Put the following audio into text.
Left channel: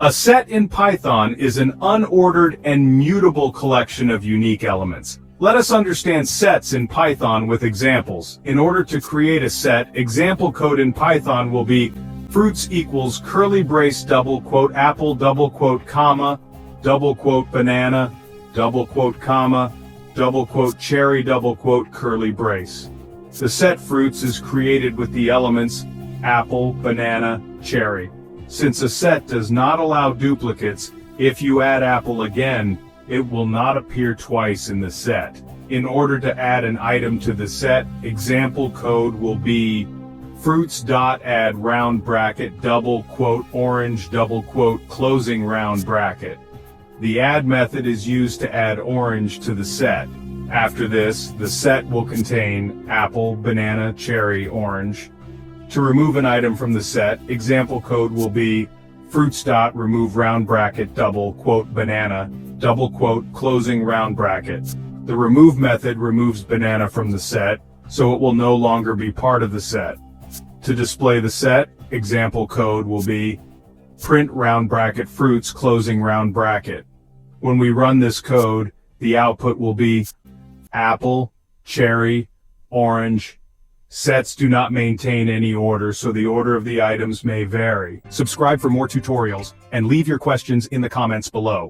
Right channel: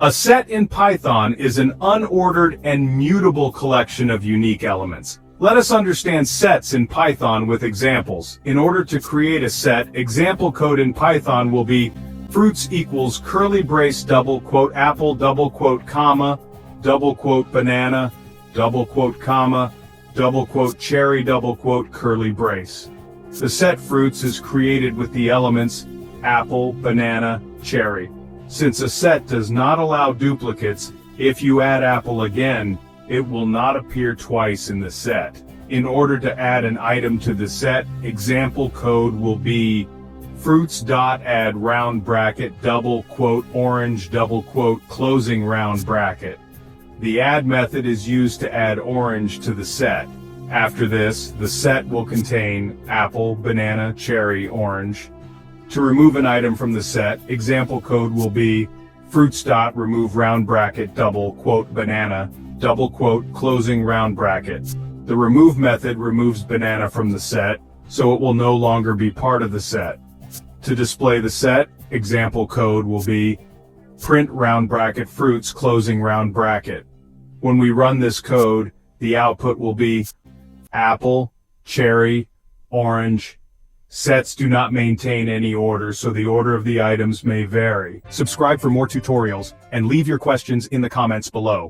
A set in Python is an unordered and mutable collection of unique elements. Let us understand sets in Python with examples. In order to create a set, example code in Python will be fruits equals curly brace double quote apple double quote comma double quote banana double quote comma double quote cherry double quote curly brace. The set fruits is created with the elements apple, banana, cherry. Since a set does not allow duplicates, if you add apple again, it will not appear twice in the set. In order to add an item to the set, example code will be fruits.add round bracket double quote orange double quote closing round bracket. The add method is used to add orange to the set. After this, the set will contain apple, banana, cherry, orange. To remove an item from the set, example code will be fruits.remove round bracket double quote banana double quote closing round bracket. The remove method removes banana from the set, so it will no longer be part of the set. To display the set, example code will be print round bracket fruits closing round bracket. When we run this code, the output will be apple, cherry, orange. Sets do not maintain any order, so the order of the items may vary. Subscribe for more tutorials and leave your questions in the comments below.